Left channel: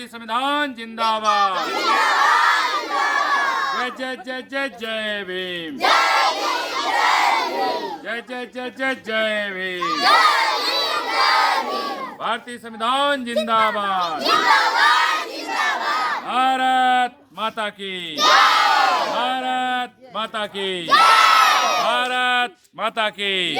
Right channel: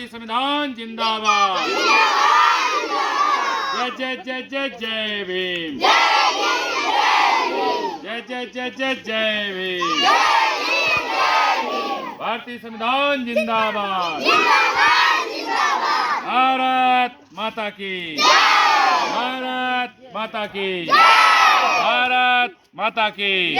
भारतीय संविधान जिंदाबाद। जय जय जय जय जय भीम। जय जय जय जय जय भीम। भारतीय संविधान जिंदाबाद। भारत माता की। भारत माता की। भारत माता की।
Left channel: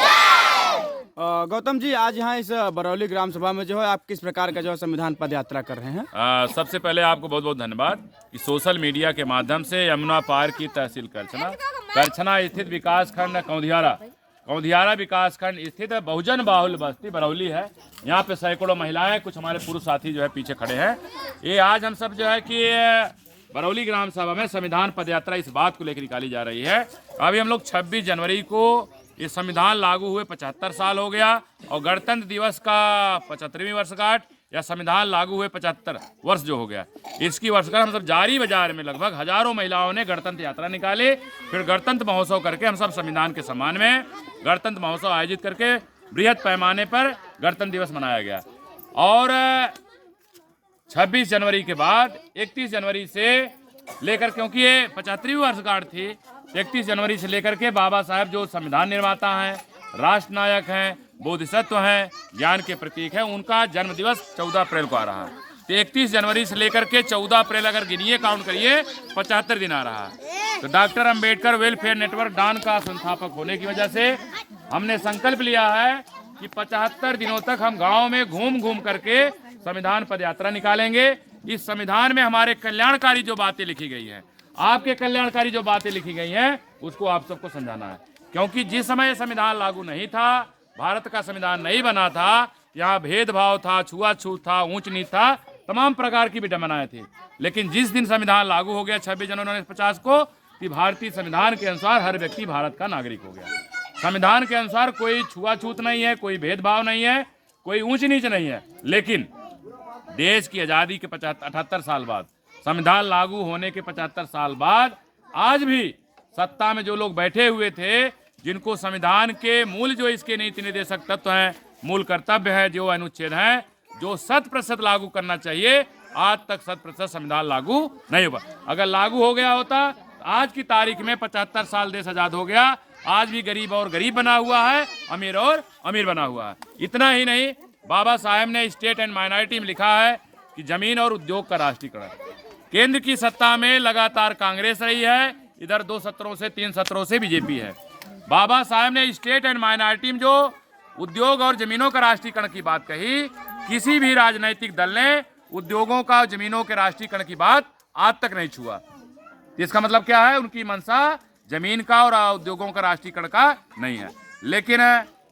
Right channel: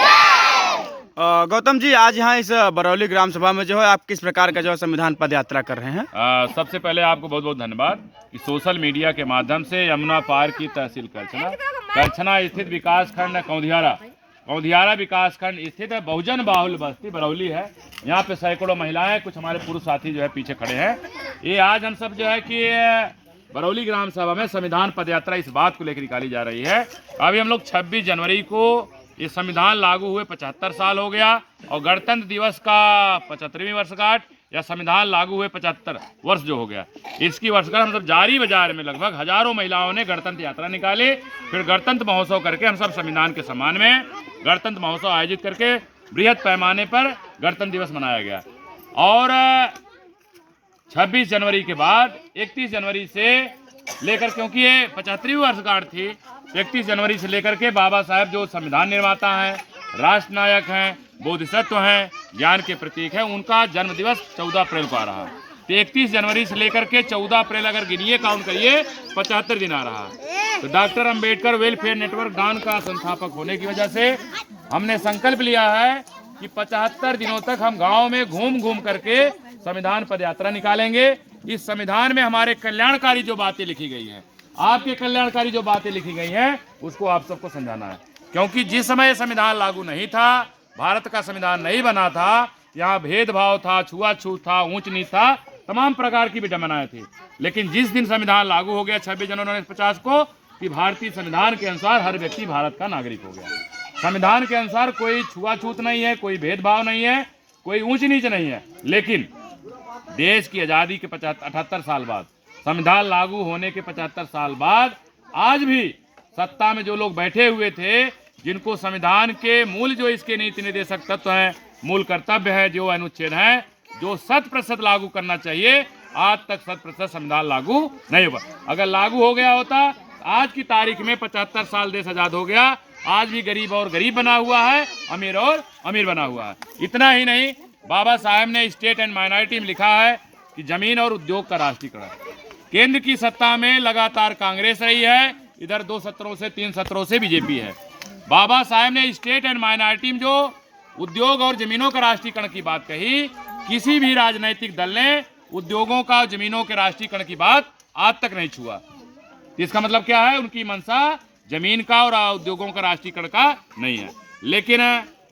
गौतम जी, आज यहाँ इस बरौली ग्राम सभा में जो है आप किस प्रकार का जो है संविधान पद यात्रा कर रहे हैं? सबसे पहले आपको बहुत बहुत धन्यवाद कि सोशल मीडिया के माध्यम से यमुना पार की तहसील करछना स्थित विकास खंड कौंधियारा विकास खंड स्थित बहुजन बाहुल बस्ती बरौली है। यहाँ पे सैकड़ों महिलाएं, कुछ हमारे पुरुष साथी जो है पीछे खड़े हैं। ये आज हम सब जो है कि बरौली ग्राम सभा में संविधान पद यात्रा इस बात को लेकर निकाली जा रही है। अभी हम लोग 26 जनवरी को ये संविधान लागू हुए 75 साल हो गया और गणतंत्र दिवस का 75वीं वर्षगांठ या संविधान लागू हुए 75 वर्ष जो हो गया, इसकी वर्षगांठ हम सब जारी बाजार में लगभग हजारों महिलाओं ने गणतंत्र यात्रा निकाली। फिर गणतंत्र महोत्सव करके हम सब संविधान के सम्मान में गणतंत्र महोत्सव आयोजित करके बृहद पैमाने पर गणतंत्र दिवस मनाया गया। और 26 जनवरी के बाद 31 जनवरी से लेकर, क्योंकि ये 75वीं वर्षगांठ थी, 31 जनवरी से लेकर के बाबा साहब जो संविधान निर्माता हैं, राष्ट्र नायक हैं, बोधिसत्व हैं, ज्ञान के प्रतीक हैं, उनका जन्म दिवस 14 अप्रैल को आ रहा है। तो 31 जनवरी से लेकर के 14 अप्रैल अगर गिनिए, काउंट करिए, 75 दिन आ रहा है। तो डॉक्टर अंबेडकर वेलफेयर नेटवर्क डान का संस्थापक होने की वजह से हमने संकल्प लिया है कि 75 दिनों तक हम गाँव में घूम घूम करके संविधान पद यात्रा निकालेंगे। इस संविधान में हमारे कल्याणकारी जो बातें लिखी गई हैं, आपके कल्याणकारी जो बातें लिखी गई हैं, उसको आप सबको समझाना है। क्योंकि जिस समय संविधान लागू नहीं था, भारत का संविधान नहीं बना था, यहाँ भेदभाव था, छुआछूत था, ऊंच नीच था, तमाम प्रकार की विडंबनाएं थी। लेकिन जिस दिन संविधान लागू हो गया 26 जनवरी 1950 को, कि भारतीय संविधान के अनुसार हर व्यक्ति भारत का नागरिक हो गया। संविधान के अनुसार कोई छुआछूत नहीं है, कोई भेदभाव नहीं है, कोई ऊंच नीच नहीं है। लेकिन देश की आज़ादी के 78 साल बाद, संविधान लागू होने के 75 साल बाद, आज भी सत्ता में जो लोग बैठे हुए थे, जिनको संविधान के मूल जो इसके नीति निर्देशक तत्व हैं, मूल कर्तव्य है, जो अनुच्छेद हैं, जो 100% लागू करना चाहिए, आज तक 100% संविधान लागू नहीं हुआ। अगर लागू हो गया होता, आज की तारीख में 75 साल देश आजाद हो गया। आज भी गरीब और गरीब बना हुआ है, अमीर और अमीर बना हुआ है। इतना ही नहीं, बाबा साहब ने स्टेट एंड माइनॉरिटी में लिखा है कि जमीन और उद्योग का राष्ट्रीयकरण। केंद्र की सत्ता में लगातार कांग्रेस रही है, इधर 2 सत्रों से 3 सत्रों से बीजेपी है। बाबा साहब ने स्टेट एंड माइनॉरिटी में जो उद्योग और जमीनों का राष्ट्रीयकरण की बात कही, किसी भी राजनीतिक दल ने उद्योगों का, जमीनों के राष्ट्रीयकरण की बात आज तक नहीं छुआ। इसका मतलब क्या है? उनकी मंशा जमीन का और उद्योगों का राष्ट्रीयकरण का नहीं है। लेकिन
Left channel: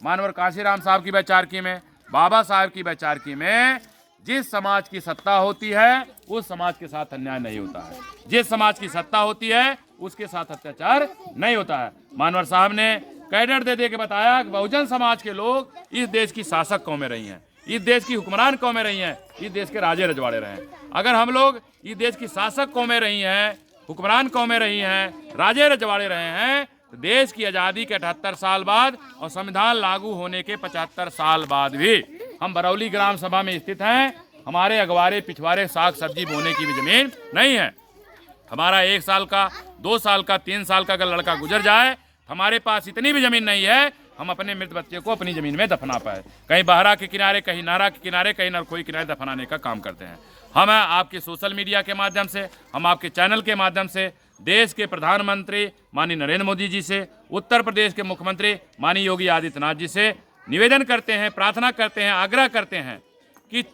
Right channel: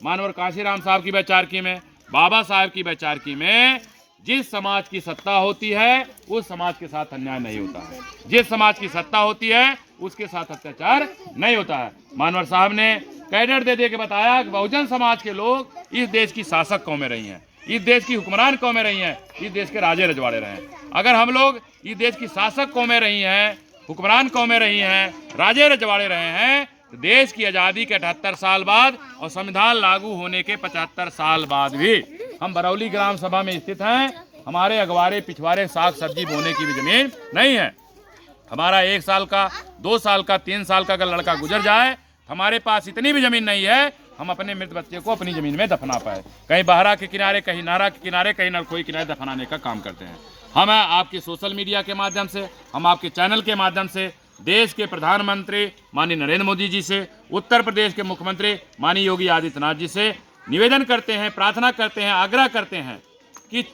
मानवर काशीराम साहब की वैचारिकी में, बाबा साहब की वैचारिकी में, जिस समाज की सत्ता होती है उस समाज के साथ अन्याय नहीं होता है, जिस समाज की सत्ता होती है उसके साथ अत्याचार नहीं होता है। मानवर साहब ने कैडर दे दे के बताया कि बहुजन समाज के लोग इस देश की शासक कौमें रही हैं, इस देश की हुक्मरान कौमें रही हैं, इस देश के राजे रजवाड़े रहे हैं। अगर हम लोग इस देश की शासक कौमें रही हैं, हुक्मरान कौमें रही हैं, राजे रजवाड़े रहे हैं, तो देश की आज़ादी के 78 साल बाद और संविधान लागू होने के 75 साल बाद भी हम बरौली ग्राम सभा में स्थित हैं। हमारे अगवारे पिछवाड़े साग सब्जी बोने की भी जमीन नहीं है। हमारा 1 साल का, 2 साल का, 3 साल का अगर लड़का गुजर जाए, हमारे पास इतनी भी जमीन नहीं है हम अपने मृत बच्चे को अपनी जमीन में दफना पाए। कहीं बहरा के किनारे, कहीं नारा के किनारे, कहीं नरखोई किनारे दफनाने का काम करते हैं। हम आपके सोशल मीडिया के माध्यम से, हम आपके चैनल के माध्यम से देश के प्रधानमंत्री माननीय नरेंद्र मोदी जी से, उत्तर प्रदेश के मुख्यमंत्री माननीय योगी आदित्यनाथ जी से निवेदन करते हैं, प्रार्थना करते हैं, आग्रह करते हैं कि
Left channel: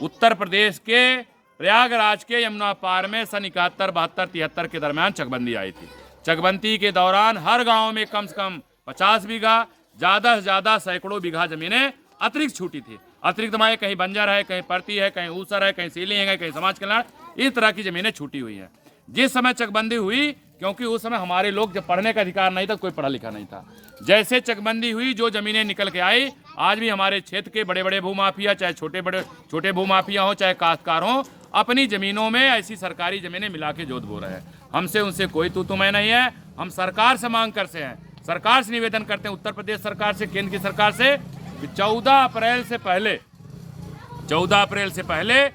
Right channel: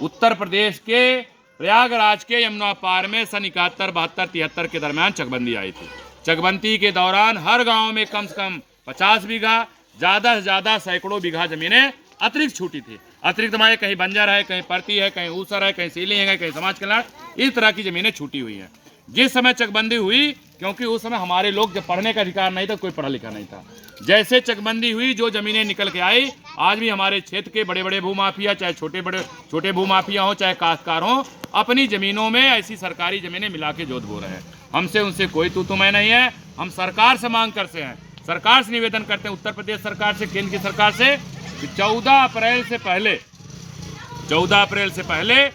उत्तर प्रदेश के प्रयागराज के यमुना पार में सन 71, 72, 73 के दरमियान चकबंदी आई थी। चकबंदी के दौरान हर गांव में कम से कम 50 बीघा, ज़्यादा से ज़्यादा सैकड़ों बीघा जमीनें अतिरिक्त छूटी थी। अतिरिक्त माए कहीं बंजर है, कहीं परती है, कहीं ऊसर है, कहीं सीलिंग है, कहीं समाज कल्याण, इस तरह की जमीनें छूटी हुई हैं। जिस समय चकबंदी हुई, क्योंकि उस समय हमारे लोग जब पढ़ने का अधिकार नहीं था, कोई पढ़ा लिखा नहीं था, जैसे चकबंदी हुई जो जमीनें निकल के आई, आज भी हमारे क्षेत्र के बड़े बड़े भूमाफिया, चाहे छोटे भूमाफिया हों, चाहे काश्तकार हों, अपनी ज़मीनों में ऐसी सरकारी ज़मीनें मिला के जोत बो रहे हैं। हमसे उनसे कोई तू-तू-मैं नहीं है। हम सरकार से मांग करते हैं, सरकार से निवेदन करते हैं, उत्तर प्रदेश सरकार से, केंद्र की सरकार से, कि 14 अप्रैल से पहले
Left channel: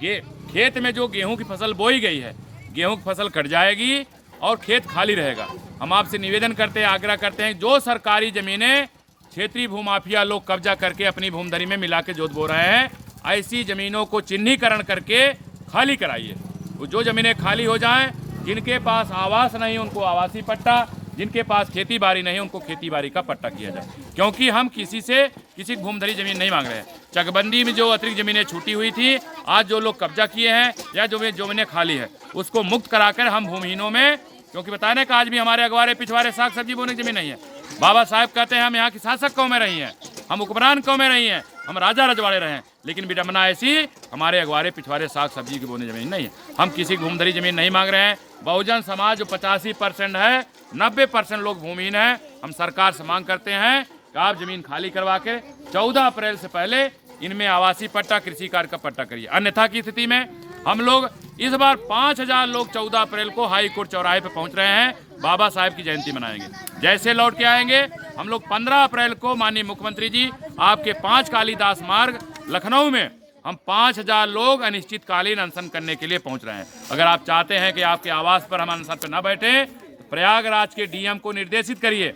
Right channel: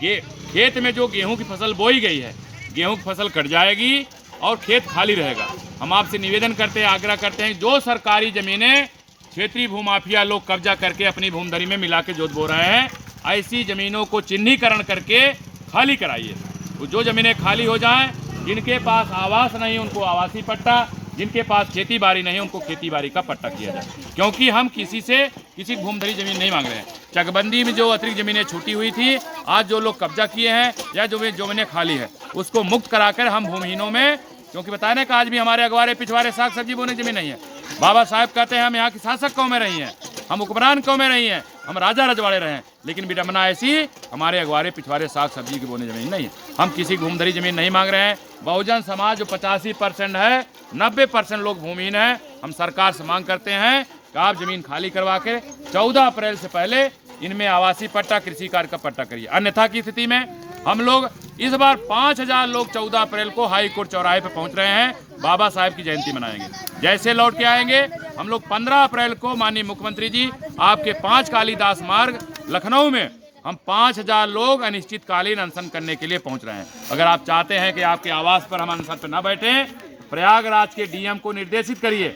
खेत में जो गेहूं की फसल बोई गई है, गेहूं की फसल कट जाएगी और खेत खाली रहेगा। हम आपसे निवेदन करते हैं, आग्रह करते हैं, जो सरकारी ज़मीनें क्षेत्रीय भूमाफिया लोग कब्जा करके अपनी भूमधरी में मिला के जोत बो रहे हैं, ऐसी ज़मीनों को चिन्हीकरण करके खाली कराइए। जो ज़मीनें खाली हो जाएं, जिनके पास आवास नहीं उनको आवासीय पट्टा, जिनके पास खेती बाड़ी नहीं उनको खेती बाड़ी का पट्टा किया जाए। क्योंकि हम किसी से किसी भूमधरी ज़मीन नहीं मांग रहे हैं। चकबंदी में जो अतिरिक्त ज़मीनें छूटी हुई थी, आज जो लोग कब्जा किए हैं या जो ज़मीनें खाली है, उसको मुक्त कराकर हम भूमिहीनों में, क्योंकि बताने का आज भी हमारे अगवारे पिछवाड़े साग सब्जी बोने की ज़मीन नहीं है। बाबा साहब कहते हैं हम यहाँ की शासक कौमें रही हैं, हम हुक्मरान कौमें रही हैं, हम राजा रजवाड़े रहे हैं, लेकिन विडम्बना ऐसी हमारे अगवारे पिछवाड़े साग सब्जी की बोने ज़मीन नहीं है। हम किसी भूमधरी ज़मीन नहीं मांग रहे हैं। बहुजन समाज जो 85% है, 90% लोग भूमिहीन हैं। हम सरकार से मांग करते हैं कि आप ज़मीन खाली करवा के 14 अप्रैल से पहले इनमें आवासीय पट्टा, कृषि कार्य का पट्टा करिए। अन्यथा की स्थिति में हम लोग इस बार 5000 लोग 14 अप्रैल को हाई कोर्ट चौराहे पर पहुंच रहे हैं, बाबा साहब की जयंती मनाएंगे। जैसे लौट के आएंगे हम लोग 15 अप्रैल को माननीय मुख्यमंत्री जी आपके 5 कालीदास मार्ग लखनऊ में हम 5000 लोग अनिश्चितकालीन अनशन करने के लिए पहुंच रहे हैं। अगर आप चाहते हैं कि आपके आवास पर हम अनशन पर न बैठें, प्रयागराज के डीएम को निर्देशित करिए,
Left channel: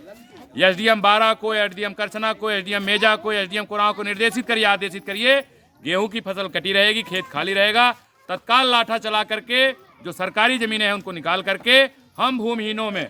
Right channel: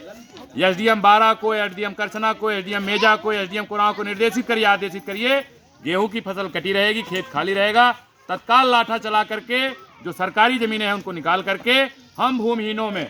एसडीएम बारा को, एसडीएम करसना को, एसडीएम मेजा को, एसडीएम कोराव को निर्देशित करिए, आदेशित करिए। गेहूं की फसल कटी रहेगी, खेत खाली रहेगा, तत्काल लाठा चला करके जो सरकारी ज़मीनें हैं उनको निकाल करके हम भूमिहीनों में,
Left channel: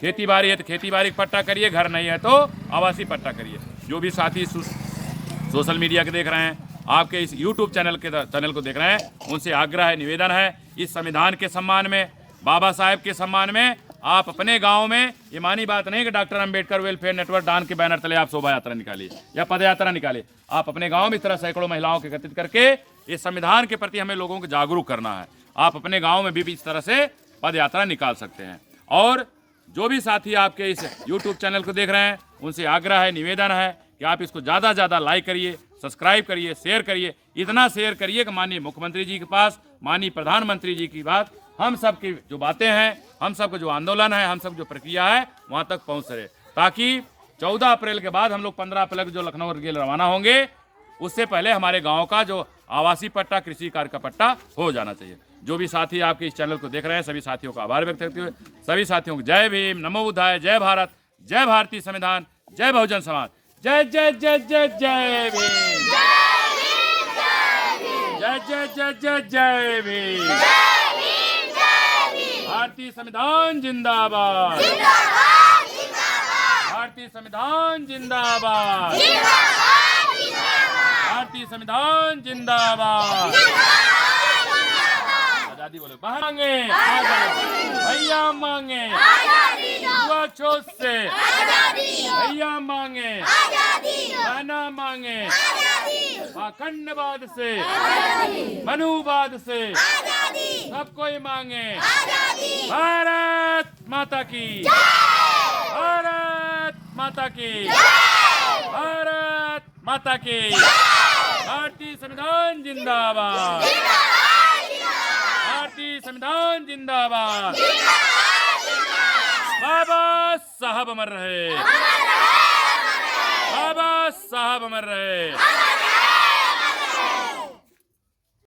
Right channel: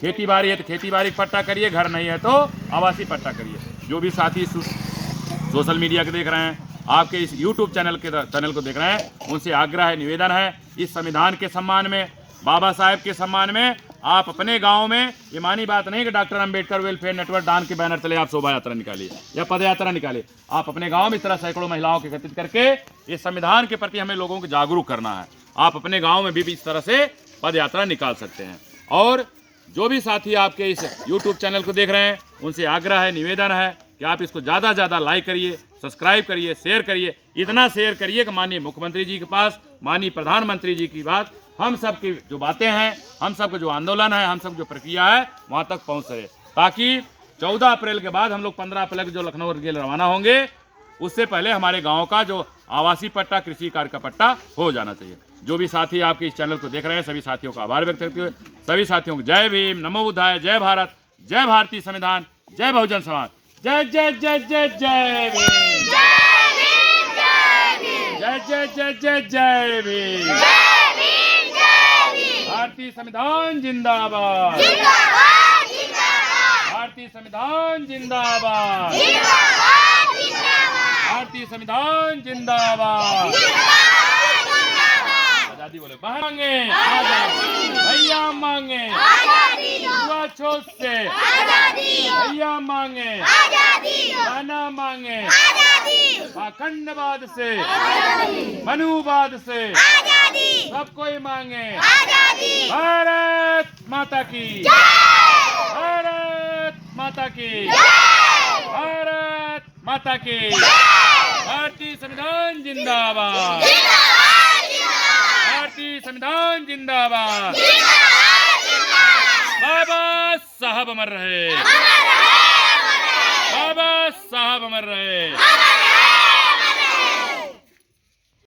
खेती बाड़ी है तो खेती बाड़ी पट्टा करिए, घर नहीं है तो आवासीय पट्टा करिए। जो भी साथी सोशल मीडिया के देख रहे हैं, आपके इस यूट्यूब चैनल को देख रहे हैं, उनसे आग्रह है, निवेदन है, इस संविधान के सम्मान में, बाबा साहेब के सम्मान में आप अपने गांव में, ये मानी बात नहीं कि डॉक्टर अंबेडकर वेलफेयर नेटवर्क डान के बैनर तले आप शोभा यात्रा निकालिए या पद यात्रा निकालिए। आप अपने गांव में इस तरह सैकड़ों महिलाओं को एकत्रित करके इस संविधान के प्रति हमें लोगों को जागरूक करना है। आप अपने गांव में भी इस तरह से पद यात्रा निकाल सकते हैं। और जो भी साथी आपके इस यूट्यूब चैनल को देख रहे हैं, उनसे आग्रह है, निवेदन है कि आप इसको ज़्यादा से ज़्यादा लाइक करिए, सब्सक्राइब करिए, शेयर करिए। इतना शेयर करिए कि माननीय मुख्यमंत्री जी के पास, माननीय प्रधानमंत्री जी की बात, हम सब की जो बातें हैं, हम सब का जो आंदोलन है, हम सब जो प्रक्रिया है, वहाँ तक पहुँच सके। ताकि 14 अप्रैल के बाद हम लोग 15 अप्रैल को जो लखनऊ के लिए रवाना होंगे, उससे पहले हमारे गाँव का जो आवासीय पट्टा, कृषि कार्य का पट्टा हो जाना चाहिए। जो भी साथी आपके इस चैनल को देख रहे हैं, सभी साथियों का आभार व्यक्त करते हुए सभी साथियों को जय भीम, नमो बुद्धाय, जय भारत, जय भारतीय संविधान, जय बहुजन समाज, जय जय जय जय जय भीम, जय जय जय जय जय भीम, भारतीय संविधान जिंदाबाद, भारतीय संविधान जिंदाबाद, भारतीय संविधान जिंदाबाद। आजादी बोले, मांगे आजादी, भैया मांगे युवा छोट से, भैया मांगे गाना मांगे, पाखंडवाद से, मनुवाद से, सब कोई मांगे भारत माता की, भारत माता की, भारत माता की। भारतीय संविधान जिंदाबाद, भारतीय संविधान जिंदाबाद। बाबा साहब अमर रहे, बाबा साहब अमर रहे।